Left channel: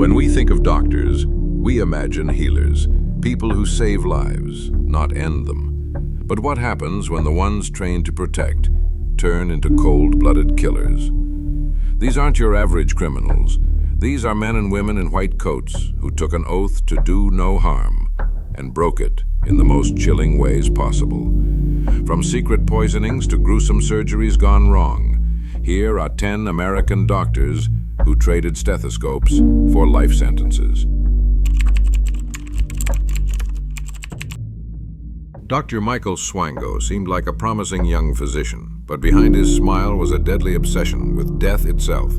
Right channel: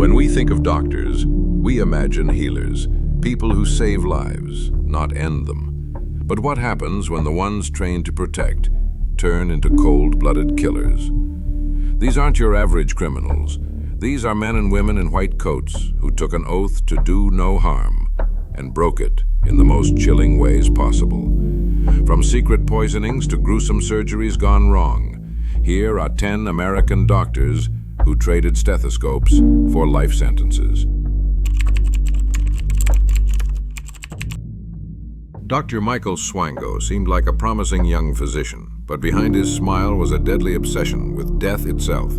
When we think of doctors, we imagine healers, people who save lives, not end them. But what happens when the ones trained to protect turn into cold-blooded killers? These aren't your average criminals. These are men and women in white coats who took an oath to do no harm and broke it in the most chilling ways possible. From secret poisonings to gruesome surgeries gone wrong, here are 10 American doctors who traded stethoscopes for life sentences. Dr. Michael Swango seemed like a promising young physician, but behind his smile was a deadly obsession with death itself.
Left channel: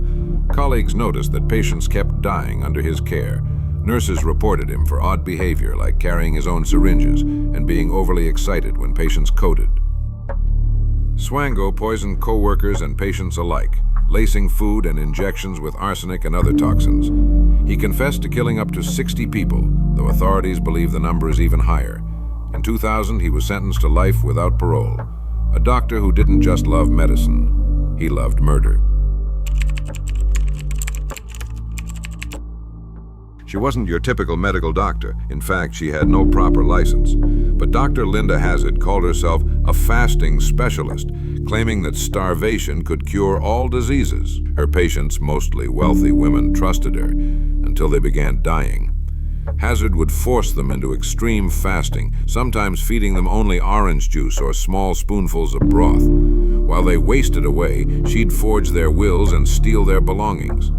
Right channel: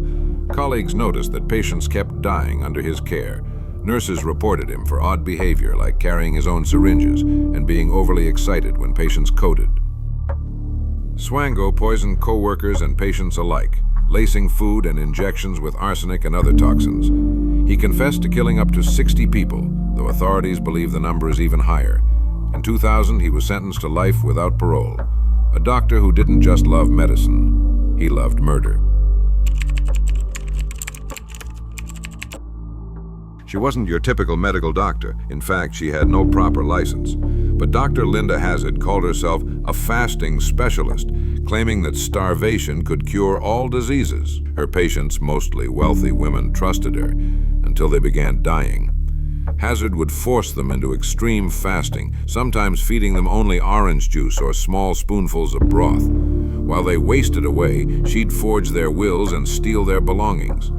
Colleagues noticed that patients kept dying under his care. Nurses reported him for odd behavior like carrying his own syringes and being overly excited when patients coded. Swango poisoned co-workers and patients alike, lacing food and injections with arsenic and other toxins. He confessed to killing up to 60 people, though authorities believe the number is even higher. In 2000, he was sentenced to life without parole. A doctor who didn't just love medicine, he loved murder. She wasn't your typical medical doctor. In fact, she had no proper license. But Dr. Linda Hazard called herself a fasting specialist, claiming that starvation could cure all diseases. Her patients, mostly wealthy women, trusted her until they began dying. Hazard would force them into extreme fasting, sometimes feeding them only orange juice or small spoonfuls of broth. While they wasted away, she'd forge their wills and steal their belongings.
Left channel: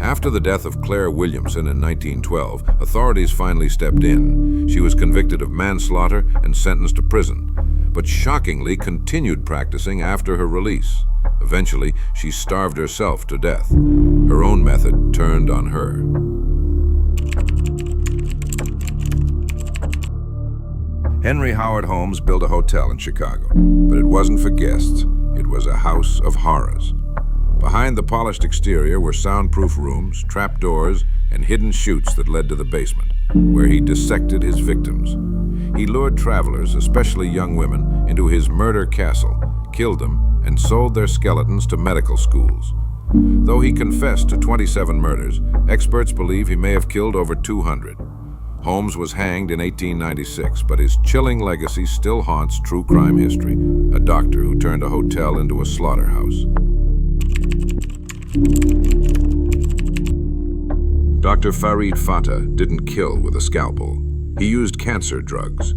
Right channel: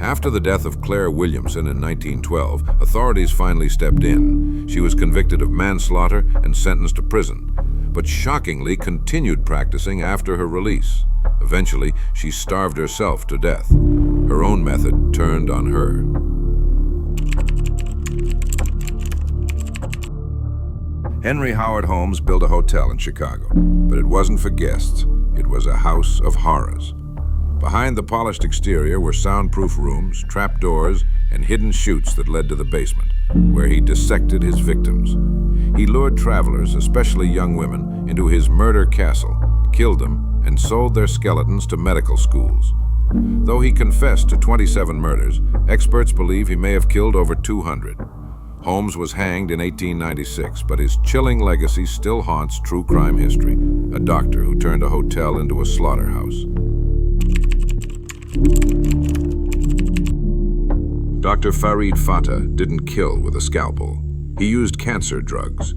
After the death of Claire Williamson in 1912, authorities finally stepped in. She was convicted of manslaughter and sentenced to prison, but shockingly continued practicing after her release. Eventually, she starved herself to death. Her own method turned on her. Henry Howard Holmes built a hotel in Chicago, but it wasn't for guests. It was a house of horrors. Behind the polished exterior were soundproof rooms, trapdoors, and hidden chutes that led to the basement, where he dissected his victims. He lured travelers, especially young women, into his murder castle, killed them, and sold their skeletons to medical schools. Though he confessed to 27 murders, experts believe he may have killed over 200. Holmes was hanged in 1896, but his chilling legacy still haunts true crime history, a doctor who turned a hotel into a slaughterhouse. Dr. Fared Fata didn't kill with a scalpel. He used cancer drugs.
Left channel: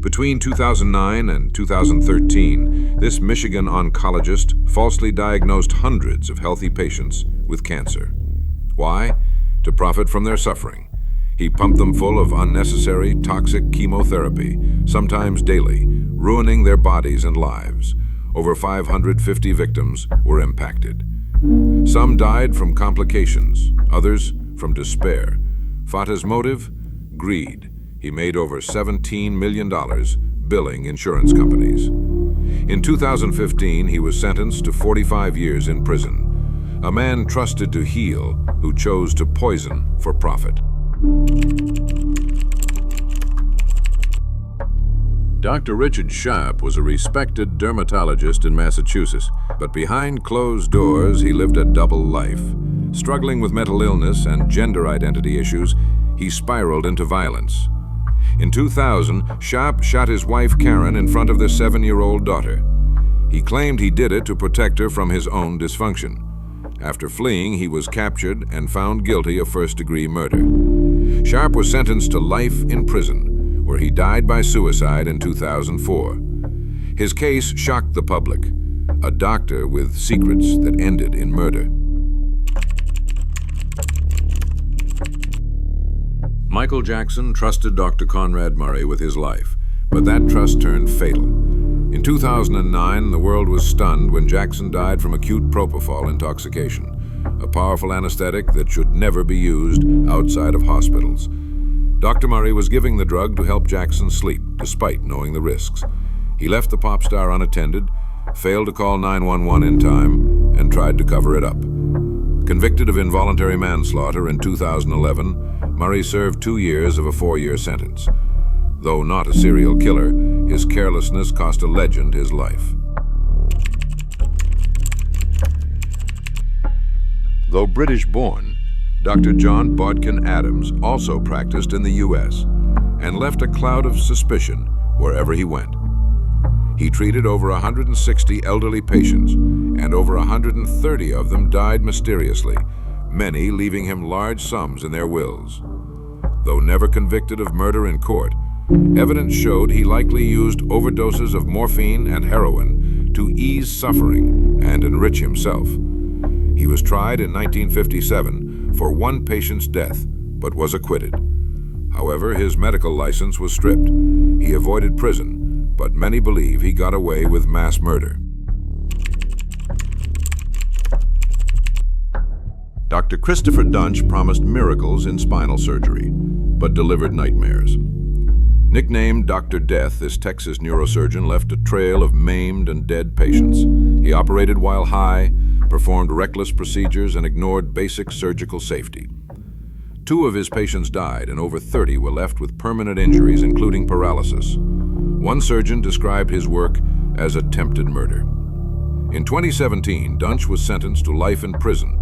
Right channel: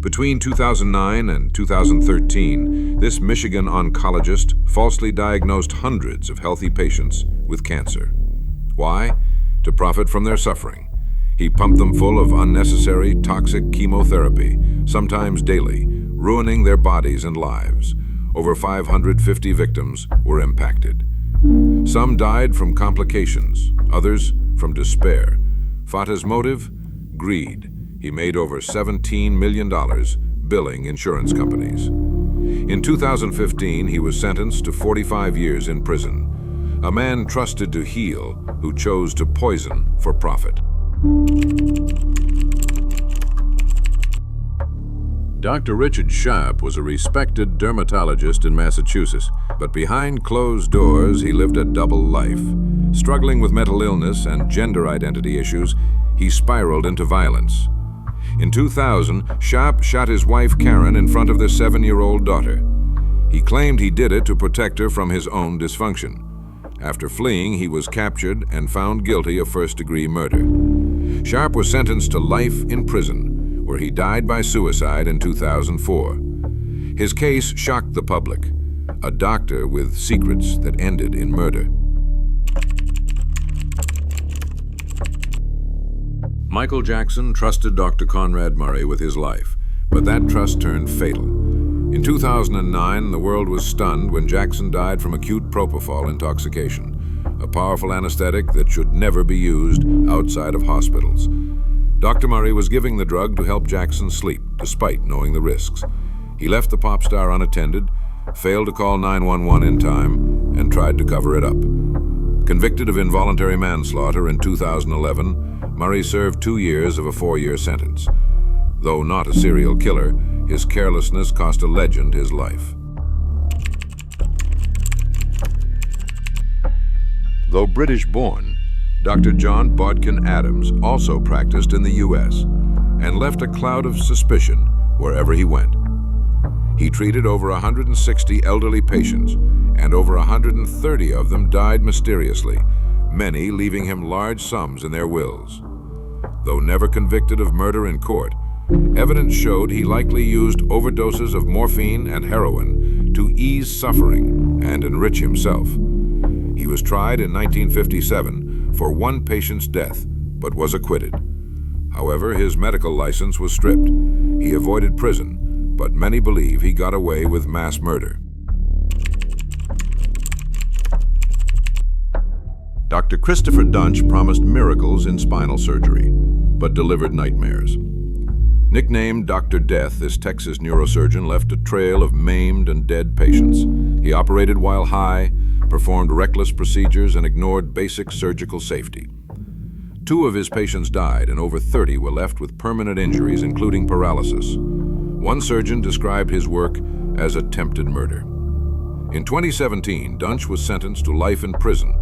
Between 2009 and 2013, this Michigan oncologist falsely diagnosed hundreds of healthy patients with cancer. Why? To profit from their suffering. He pumped them full of unnecessary, toxic chemotherapy, sometimes daily, ruining their bodies and lives. Over 550 victims were impacted. Some died from complications, others from despair. Fata's motive? Greed. He made over $17 million billing insurance companies. In 2015, he was sentenced to 45 years in prison. A man trusted to heal who chose to poison for profit. Dr. Richard Sharp was a respected dermatologist in Massachusetts, but behind closed doors he lived a double life. Struggling with mental illness and gender identity issues, he spiraled into violence. In 2000, Sharp shot his wife Karen in front of their 7-year-old daughter. He claimed he did it to protect her from his own dysfunction. After fleeing, he was captured and found guilty of first-degree murder. Sharp was sentenced to life in prison, where he died by suicide in 2004. His case shocked the public, a doctor with secrets that ended in murder. Michael Jackson trusted Dr. Conrad Murray with his life, but that trust turned fatal. In 2009, the world was stunned when Jackson died from acute propofol intoxication, a powerful anesthetic that should never be used outside of hospitals. Dr. Murray was giving the drug to help Jackson sleep, despite knowing the risks. He left the pop star unattended, failed to call 911 in time, and tried to cover it up. Convicted of involuntary manslaughter in 2011, Murray served 2 years of a 4-year sentence. Though not a serial killer, his carelessness cost a legend his life. Though British-born, Dr. John Bodkin Adams also practiced in the U.S. and left a cloud of suspicion wherever he went. He treated over 160 elderly patients, and over 130 of them died mysteriously, many leaving him large sums in their wills. Though never convicted of murder in court, evidence showed he likely used overdoses of morphine and heroin to ease suffering and enrich himself. He was tried in 1957 for one patient's death, but was acquitted. However, his medical license was stripped. He avoided prison, but many believe he got away with mass murder. Dr. Christopher Dunch promised miracles in spinal surgery, but delivered nightmares. Nicknamed Dr. Death, this Texas neurosurgeon left a trail of maimed and dead patients. He operated while high, performed reckless procedures, and ignored basic surgical safety. 2 of his patients died, and over 30 were left with permanent injuries, including paralysis. One surgeon described his work as attempted murder. In 2017, Dunch was sentenced to life in prison,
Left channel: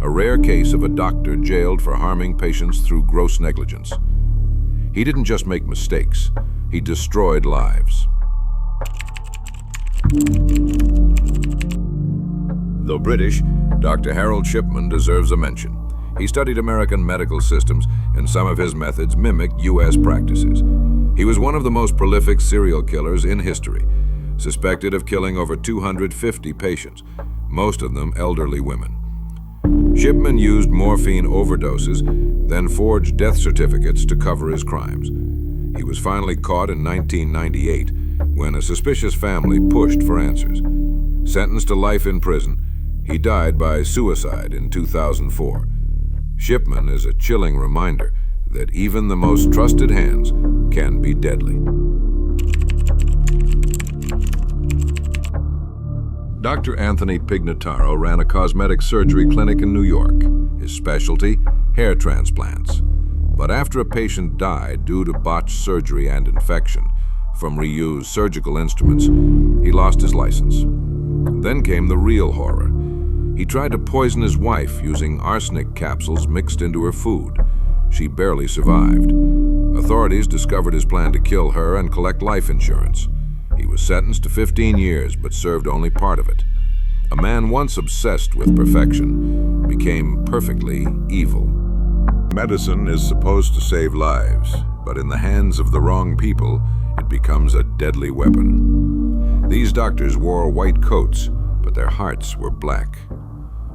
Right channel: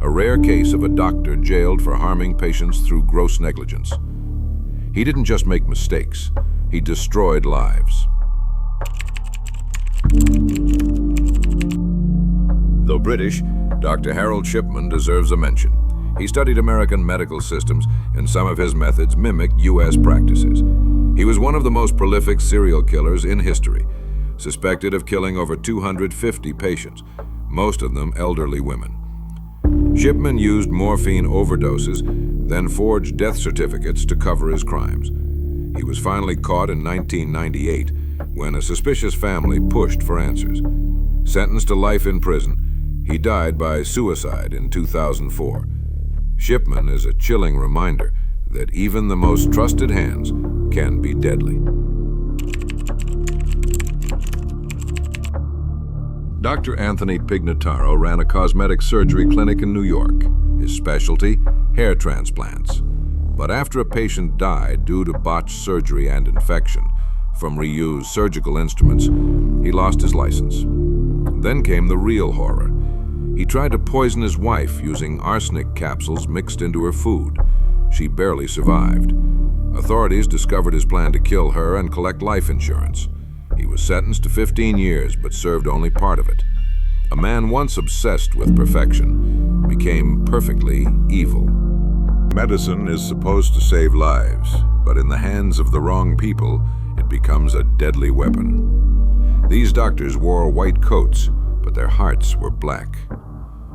a rare case of a doctor jailed for harming patients through gross negligence. He didn't just make mistakes, he destroyed lives. Though British, Dr. Harold Shipman deserves a mention. He studied American medical systems, and some of his methods mimicked U.S. practices. He was one of the most prolific serial killers in history, suspected of killing over 250 patients, most of them elderly women. Shipman used morphine overdoses, then forged death certificates to cover his crimes. He was finally caught in 1998 when a suspicious family pushed for answers. Sentenced to life in prison, he died by suicide in 2004. Shipman is a chilling reminder that even the most trusted hands can be deadly. Dr. Anthony Pignitaro ran a cosmetic surgery clinic in New York. His specialty, hair transplants. But after a patient died due to botched surgery and infection from reused surgical instruments, he lost his license. Then came the real horror. He tried to poison his wife using arsenic capsules mixed into her food. She barely survived. Authorities discovered his plan to kill her and collect life insurance. He was sentenced to 15 years, but served only part of it. A man once obsessed with perfection became perfectly evil. Medicine is supposed to save lives, but in the hands of the wrong people, it becomes a deadly weapon. These doctors wore white coats, but their hearts were black.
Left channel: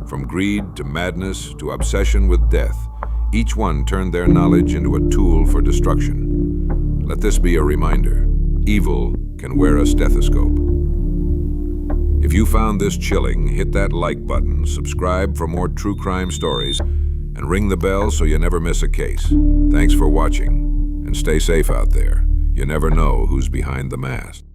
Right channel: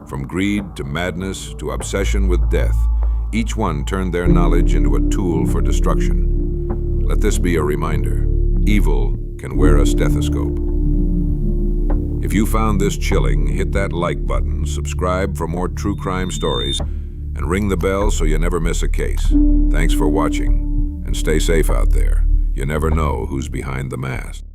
From greed to madness to obsession with death, each one turned their knowledge into a tool for destruction. Let this be a reminder: evil can wear a stethoscope. If you found this chilling, hit that like button, subscribe for more true crime stories, and ring the bell so you never miss a case. Thanks for watching, and stay safe out there. You never know who's behind the mask.